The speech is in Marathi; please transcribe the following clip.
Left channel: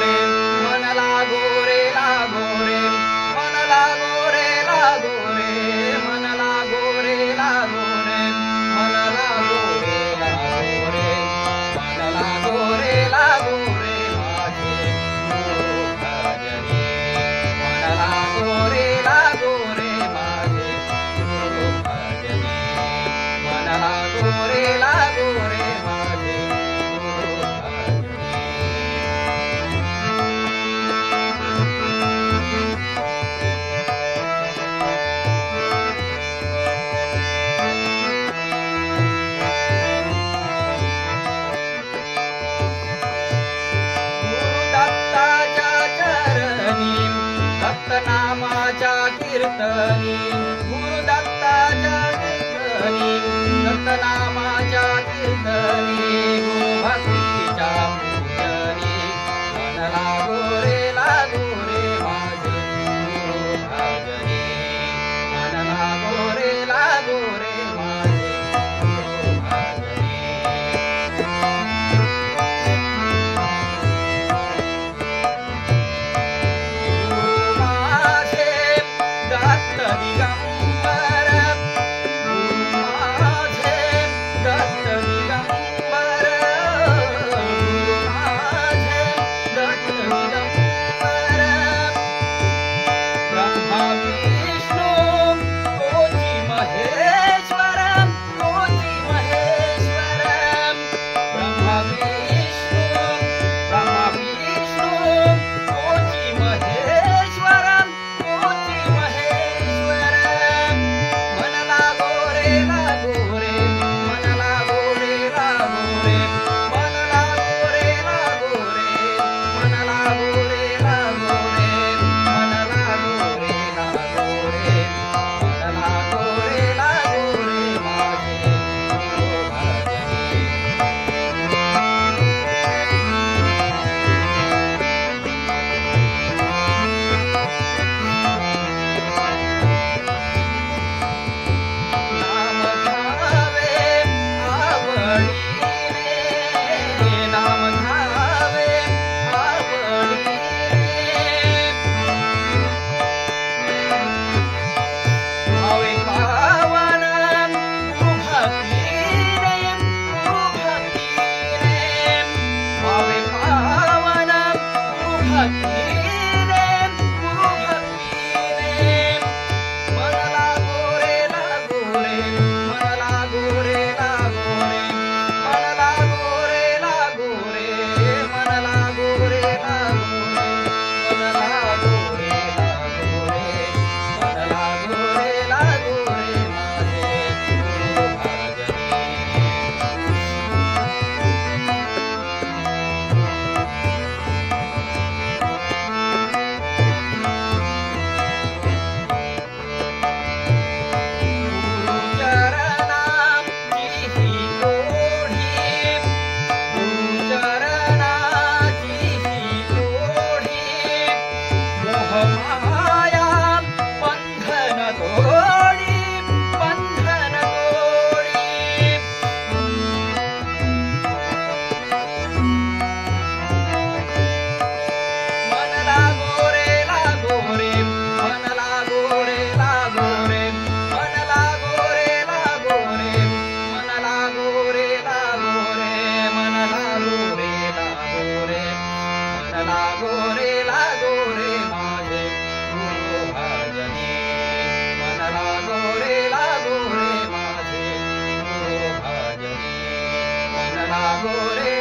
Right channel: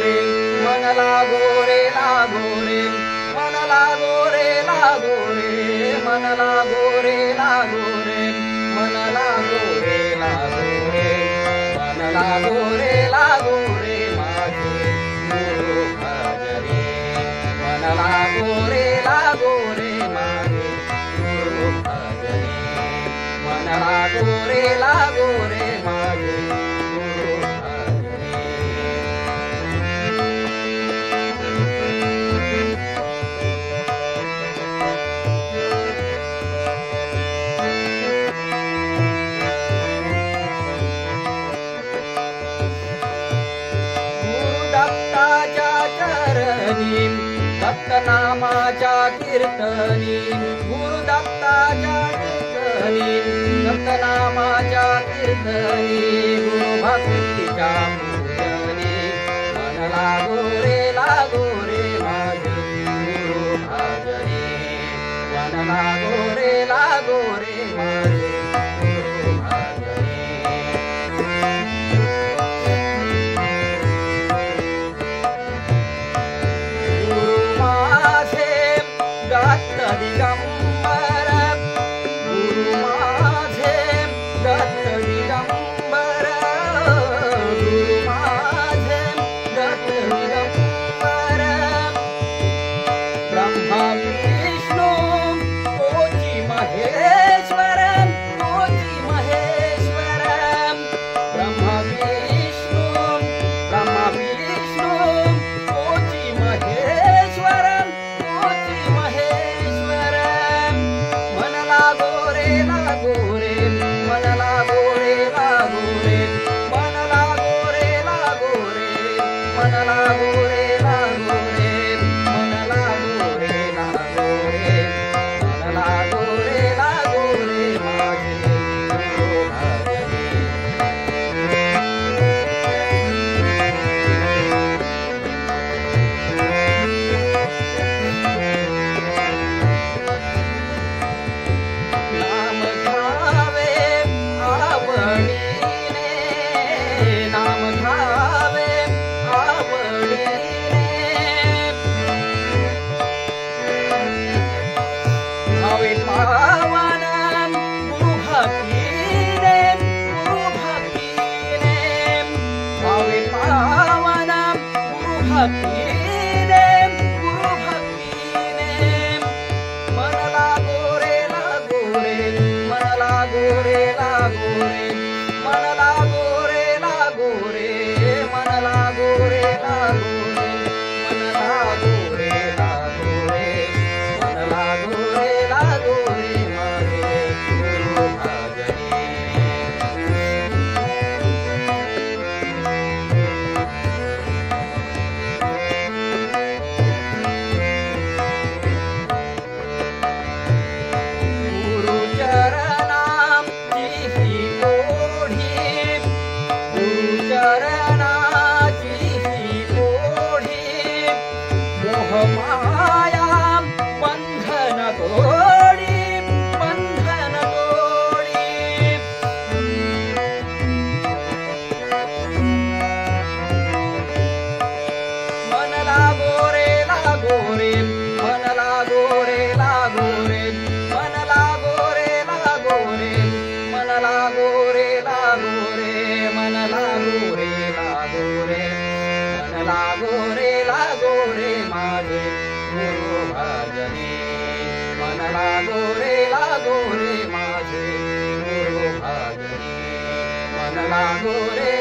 रे मन लागो रे लागो रे मन लागो रे लागो रे मन लागो रे लागो रे मन लागो रे लागो रे मन लागो रे लागो रे माझे गुरु भजने मन लागो रे लागो रे माझे गुरु भजने मन लागो रे लागो रे माझे गुरु नामाच्या कीर्तनी गुरुदत्ताच्या कीर्तनी दत्तनामाच्या कीर्तनी गुरु भक्तीच्या पूजनी मन लागो रे माझे गुरु भजनी मन लागो रे माझे गुरु भजनी लागो रे